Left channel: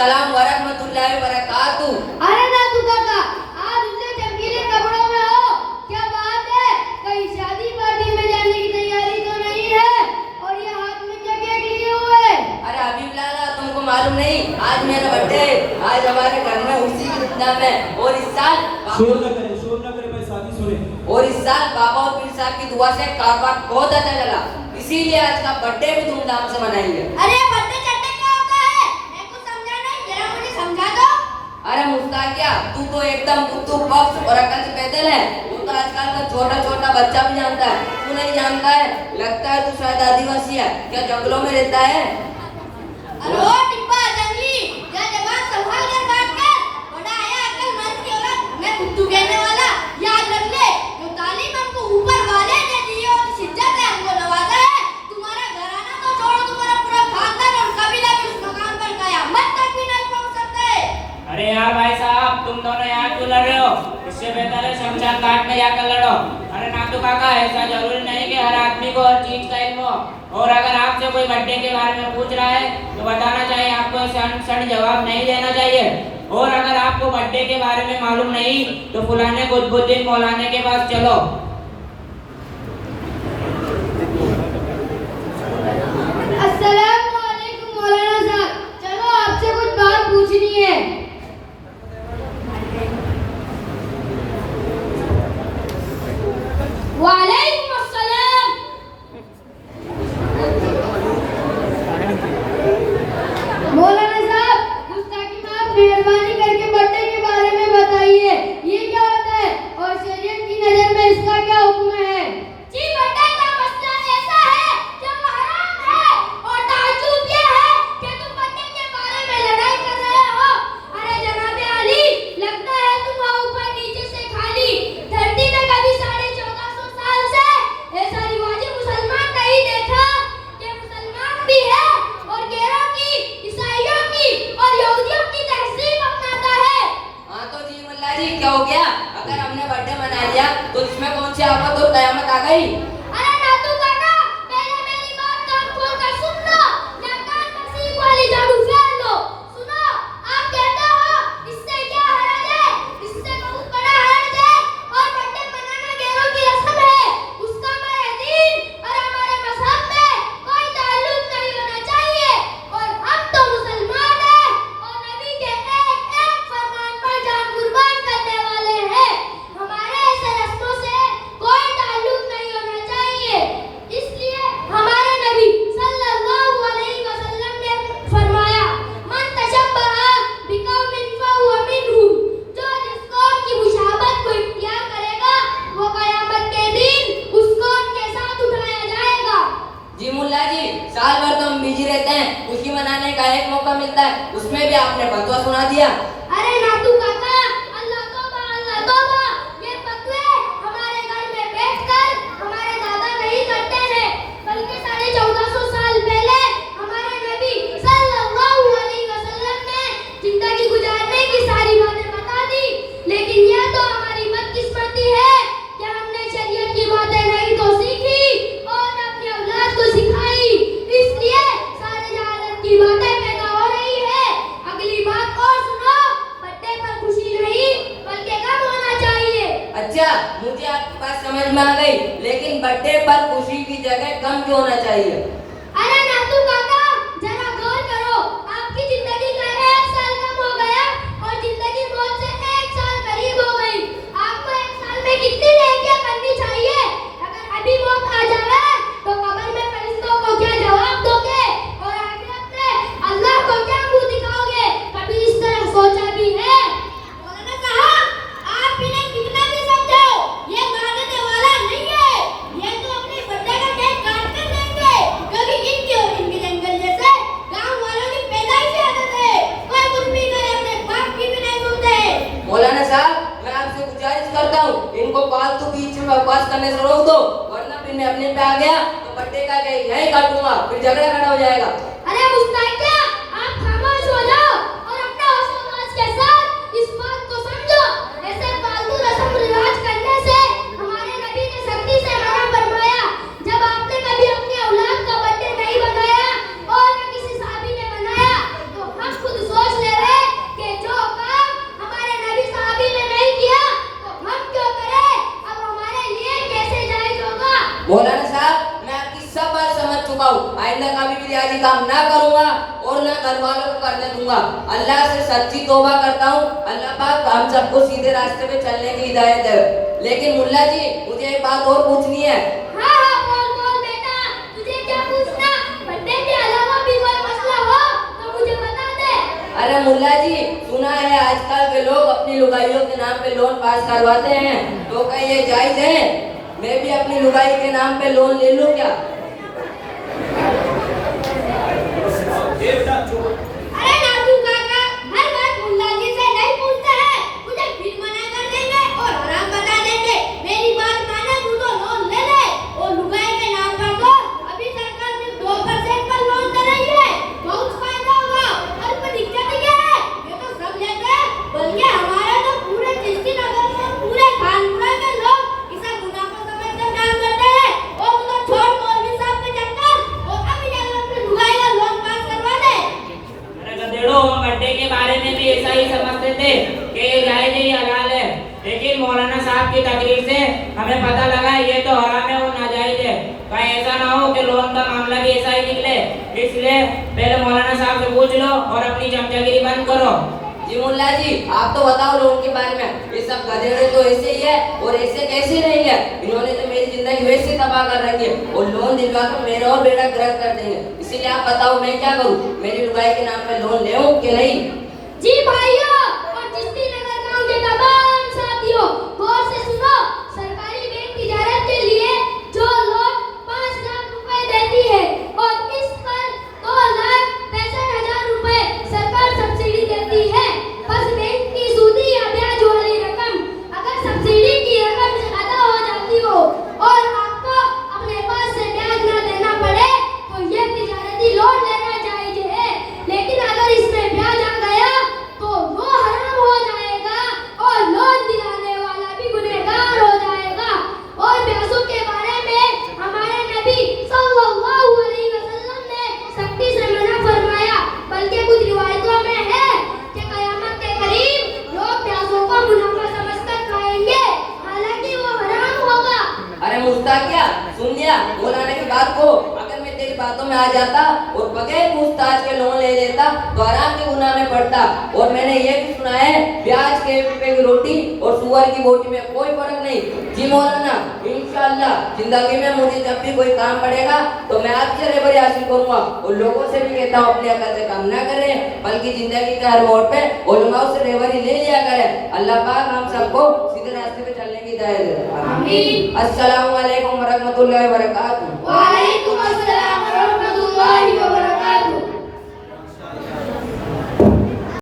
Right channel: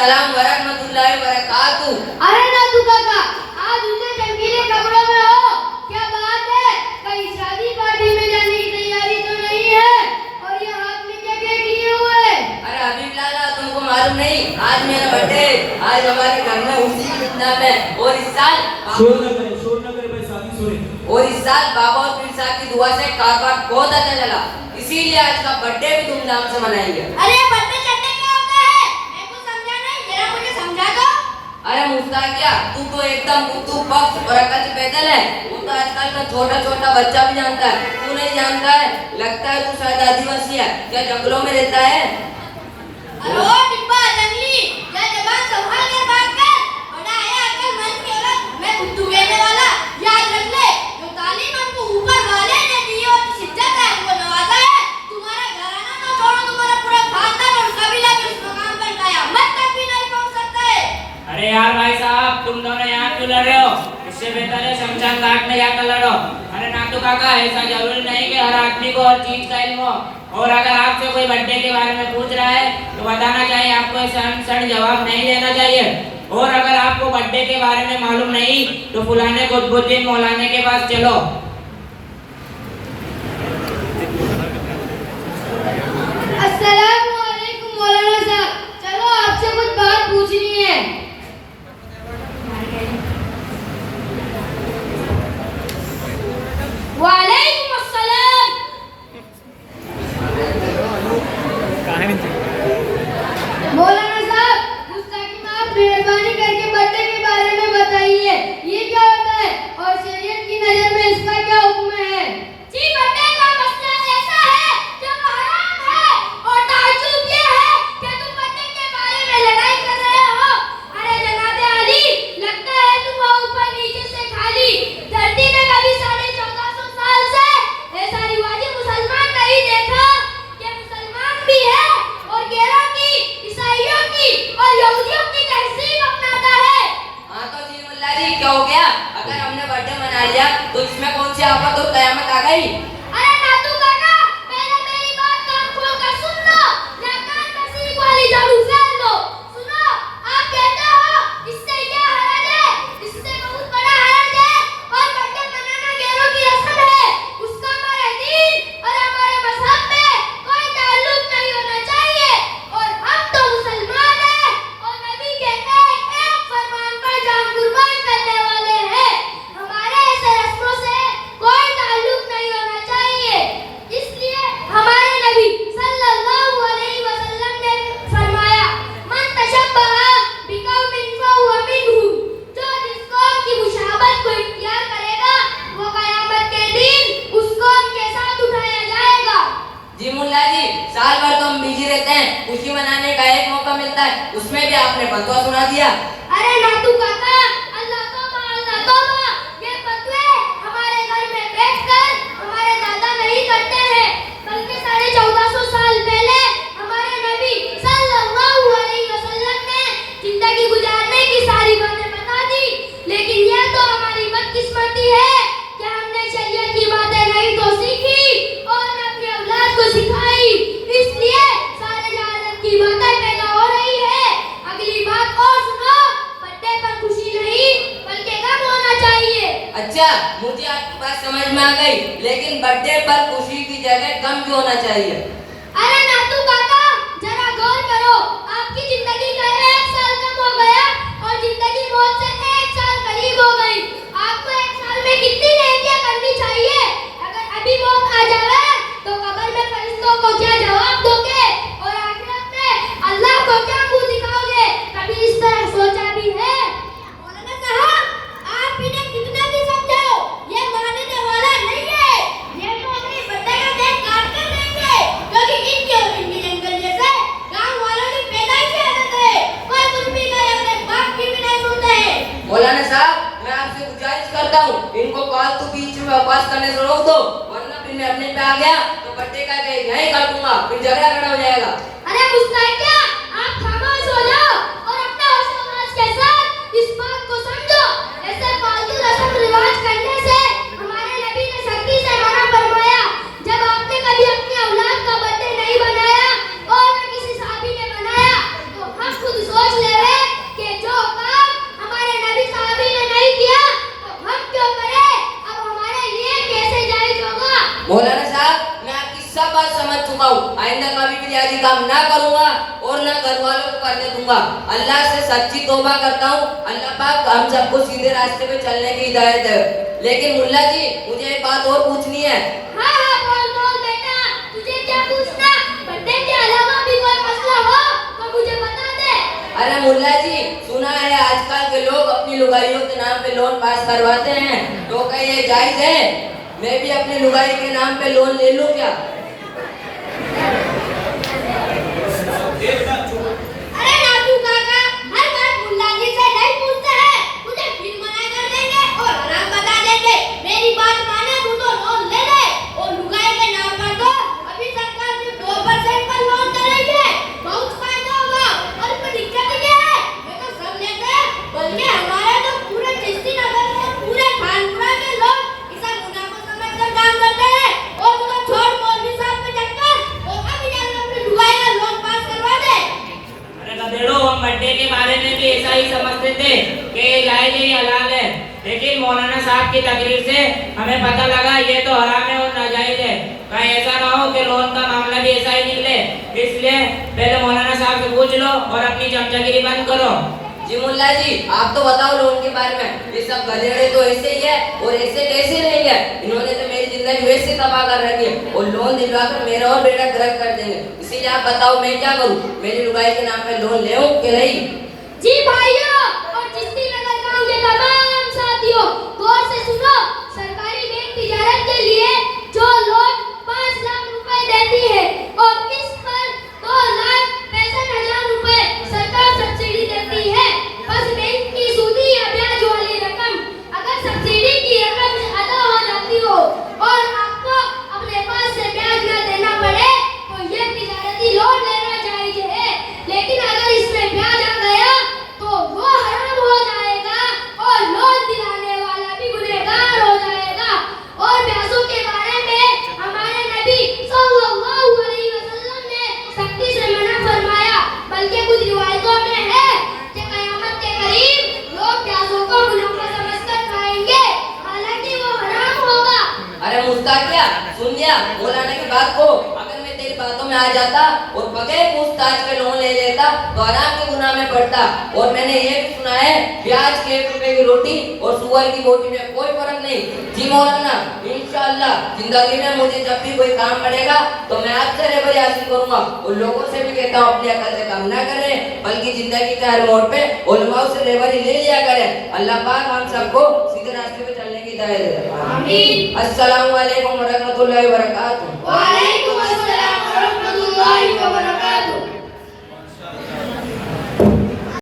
अस्सलाम वरहमतुल्लाहि वबरकातुहू। अरे नातू काका, आज उतने चमकीले कपड़ों में हो, क्या बात है? कहीं शादी पार्टी में जाने की तैयारी तो नहीं है? और ये हाथ में क्या गेट लिए हुए? अरे हबीब लाला, तुमको मालूम नहीं, आज मेरा बर्थडे। आज हमारे घर में उसी की धूमधाम है। और इस साल शोर न करे भाई, शादी सुने। बाबा और पीर साहब की दुआ से कारोबार बहुत अच्छा चला, इसीलिए आज का बर्थडे भी धूमधाम से मनाएंगे। अरे बर्थडे चढ़ने क्या होता है? मैं कुछ समझा नहीं, जरा मुझे समझा दो। अरे मुस्ताकिया, तू तो एकदम बुद्धू पक्ष और अकल से पैदल है। वो तो आजकल का छोटा छोटा बच्चा भी जानता है, तू नहीं जानता है। लगता है तू शायद आदिवासी है, क्या जंगलों में रहता है? अरे ओ डिब्बा जंगली, क्या जबान संभाल कर बात कर। बड़ा है अक्लमंद की औरत, मैं बुद्धू कहने वाला। याद रख ले, जो तालीम हमको ऊपर वाले ने दी है और जिस इज्जत है हमको नवाजा है, तुम्हारा घराना तो छोड़ो, तुम्हारा पूरा खानदान और कबीला भी उस मकाम पर कयामत तक भी नहीं पहुंच सकता है। अरे यार भाई साहब, तुम दोनों यहाँ क्यों लड़ रहे हो? इससे बेहतर है शमशान घाट में जाकर लड़ो। अरे नातू काका, ऐसा जरूरी नहीं कि हर आदमी को हर चीज का इल्म हो। और अगर आपसे कोई बर्थडे के बारे में पूछ रहा है तो बताना चाहिए, आपको सड़ जवाब नहीं देना चाहिए। और अगर आपको बर्थडे के बारे में मालूम नहीं तो फुलाने कुतुबुद्दीन मौलाना के पास चलो। अस्सलामु अलैकुम मौलाना साहब, चलो आपसे कुछ बात पूछनी है। वालेकुम अस्सलाम। मौलाना साहब, गुस्ताखी माफ मेहरबानी करके बर्थडे के बारे में बताइए, ये क्या होता है और शरीयत की नजर में इसका क्या हुक्म है? जी, बर्थडे का मसला ऐसा है जो हराम है और ताज्जुब ये है कि तुम बर्थडे के बारे में लड़ाई कर रहे हो। अरे जनाबे अली, लगता है तुम ऊपर नीचे से खाली धरती में कभी 1450 साल से ऐसा रिवाजी मुसलमान नहीं देखा कि मुसलमान भी है और गैरों की, ईसाइयों की और यहूदियों की तहजीब अपनाता है। हाँ तो जी मुल्ला जी, क्या हो गया? अगर हमने बर्थडे मना लिया तो इसमें कौन सी आफत और कयामत आ गई? अरे नातू काका, पहले मेरी बात कान खोल कर सुन लो, या कान में सीख वाली झाड़ू फेर लो। सुनो, आप कहते हो इससे क्या हरज है? इससे बहुत बड़ा हरज है। और बर्थडे मनाना गैरों की रस्म है, उसका हमारे दीन और हमारे मजहब में कोई ताल्लुक नहीं होना चाहिए। और हम तो मुसलमान हैं और नबी के एक एक फरमान पर जान कुर्बान करने वाले हैं। हमारे ऐसे रस्मों से कोई ताल्लुक नहीं होना चाहिए। इसलिए हमारे नबी सल्लल्लाहु अलैहि वसल्लम ने फरमाया, मन तशब्बहा बिकौमिन फहुवा मिनहुम, जो जिस कौम की मुशाबहत को इख्तियार करेगा वो कयामत के दिन उस कौम के साथ उठाया जाएगा। जी मुल्ला जी, साल भर तो हम बिजी रहते हैं, खुशी मनाने का एक मौका मिलता है, उसमें भी आपने फतवा सुना दिया। अरे नातू काका, अल्लाह तौबा, ये फतवे हमारे घर में बैठकर हमारे दादा नहीं करते हैं, बल्कि 1450 साल पहले हमारे नबी सल्लल्लाहु अलैहि वसल्लम ने जिंदगी गुजारने की सारी बातें बता दी। लेकिन यह तो हमारी बदकिस्मती है कि हमने शरीयत की बातें नहीं तो सीखी और न अपने औलाद को सिखाई, इसलिए सारे जहालत की बातें पैदा हो रही है। अगली बात और सुनो, बर्थडे पर खुशी नहीं बल्कि गम होना चाहिए। अच्छा, मुझे आपकी बात समझ में आ गई, लेकिन बर्थडे पर खुशी की जगह गम क्यों होना चाहिए? अरे नातू काका, जरा गौर करो, आपकी जिंदगी का 1 साल कम हो गया और जिंदगी मौत से 1 साल करीब हो गई। आपको 1 साल में कितनी नेकियां करनी चाहिए? अगर अभी मौत आ जाए तो कब्र में फरिश्तों को क्या जवाब दोगे और आखिरत में अल्लाह को क्या मुंह दिखाओगे? कभी इस तरह सोचा भी है? उन्होंने कहा, आप इन्हें कितना भी समझाओ, ये मानने वाला नहीं है। ये तो अपने बर्थडे का केक काट कर देंगे, क्योंकि इनके और इनके जंगल जैसे गांव वालों की पैदाइशी आदत है। कोई कुछ भी कहे अपने बाप की भी नहीं सुनते। मौलाना साहब, मैं आपसे गुजारिश करता हूँ, इनको फालतू बीच में बकवास करने से रोक दो, वरना फिर मैं अपने पे आ गया तो बर्थडे का केक यहीं काटूंगा, फिर झगड़ा खड़ा हो जाएगा। अरे मुस्ताकिया, आप खामोश हो जाओ और अपने होश के साथ इस बात को समझो, ऐसे फालतू रस्म रिवाज करने से हमारे नबी ने सख्ती से मना फरमाया। जब आपने कभी अपनी औलाद का बर्थडे नहीं बनाया और न किसी साहबी ने बनाया तो हम खुद सोच ले बात समझ चुका हूँ, आइंदा कभी भी रियाजी काम ना करूंगा और ना घर वालों को करने दूंगा। अल्लाह से सच्ची तौबा करता हूँ, अल्लाह पाक हम सबको सीधे रास्ते पे चलने की हिदायत है। लेकिन मुल्ला जी, मुझे एक बात और पूछनी है। हाँ हाँ बोल बेटा, तुझे क्या पूछना? पर्दे के अलावा भी कोई मसला हो तो मुझे बता दे। अरे मुल्ला जी, सुना है आजकल के लोग अपनी लुगाइयों के नाम पे लोन पास करवाते हैं, तो क्या ये जायज है? मैं भी अपनी लुगाई के नाम पे लोन ले लूं क्या? अरे नादू काका, हर बात मुल्ला जी से नहीं पूछते हैं, तुझे फिर मना कर देंगे और हराम बता देंगे। मेरी बात माने तू तो लोन ले ले और लुगाई के नाम पर तो अभी सरकार सिर्फ 2% पर लोन दे रही है, बहुत फायदा होगा। और कोई दिक्कत क्या है? ये तो सब लेते हैं, बल्कि हमारे तो पूरे चिश्ती नगर में पूरे खानपुरा के लोग इसे मुनाफा समझकर काम करते हैं। और तू तो छोड़ मौलवी साहब के चक्कर और अभी जाकर अपनी लुगाई का लोन पास करवा दे। अरे गधेड़ो, हम बर्थडे के बारे में भी ऐसा ही समझते थे कि ये जायज है, ये हलाल है। लेकिन मौलाना साहब की तकरीर से हमें पता लगा ये तो हराम है और नाजायज है। कहीं ऐसा ना हो कि लोन का मामला भी ऐसा ही निकले, इसलिए पहले मौलाना साहब से पूछ लो और अपनी चमचागिरी बंद करो। जी मुल्ला जी, आप तो बताओ लोन के बारे में। ये सब गधेड़े तो ऐसे ही है और ऐसे कैसे रहेंगे? इन्होंने तो मेरी जिंदगी वैसे तबाह कर रखी है और लोन दिलवाकर मेरा और बेड़ा गर्क कर देंगे। इसीलिए आप बताओ मैं क्या करूं? मेरी लुगाई के नाम पे लोन ले कि नहीं? जी भाइयों और चिश्ती नगर गांव के तमाम साथियों, गौर से सुनो। सरकारी बैंक तिजारत के लिए जो लोग 5 लाख रुपए देती है और किस्त पर 2,65,000 रुपए सरकार सब्सिडी देती है। बस बैंक की सूदी या ब्याज वाली रकम, अगर सब्सिडी की रकम अदा हो जाती हो और आपको अपने पास से ब्याज न देना पड़े तो ये तिजारती लोन लेना जायज है। लेकिन अगर इसमें ब्याज आ गया तो वो हराम हो जाएगा और लोन दिलाने वाला भी गुनहगार हो जाएगा। और ब्याजों के बारे में हमारे नबी सल्लल्लाहु अलैहि वसल्लम ने सख्ती से मना फरमाया, बल्कि कुछ रिवायतों में है कि कयामत के करीब लोग ब्याजों को मुनाफा समझकर खाएंगे, हालांकि वो हराम होगा। अरे मुस्ताकिया, सुन लिया मौलाना की बात को? अगर मैं तेरी बातों में आ जाता और बगैर पूछताछ के लोन ले लेता तो हराम के गुनाह में पड़ता। और मैंने ये भी सुना है प्याज के 1 रुपए की रोटी और सुअर की बोटी में कोई फर्क नहीं। जी मौलाना, इंशाअल्लाह जिंदगी में मुझे जब भी कोई काम पड़ेगा तो मैं आपसे रहबरी हासिल करूंगा। और लोगों से भी कहता हूँ अपनी अकल से काम ना करें, बल्कि जिंदगी के हर मोड़ पे उलमाओं से रहबरी ले लिया करें। अल्लाह पाक हम सबको सीधे रास्ते पे चलने की हिदायत दे। आमीन। अस्सलामु अलैकुम व रहमतुल्लाहि व बरकातुहू। वालेकुम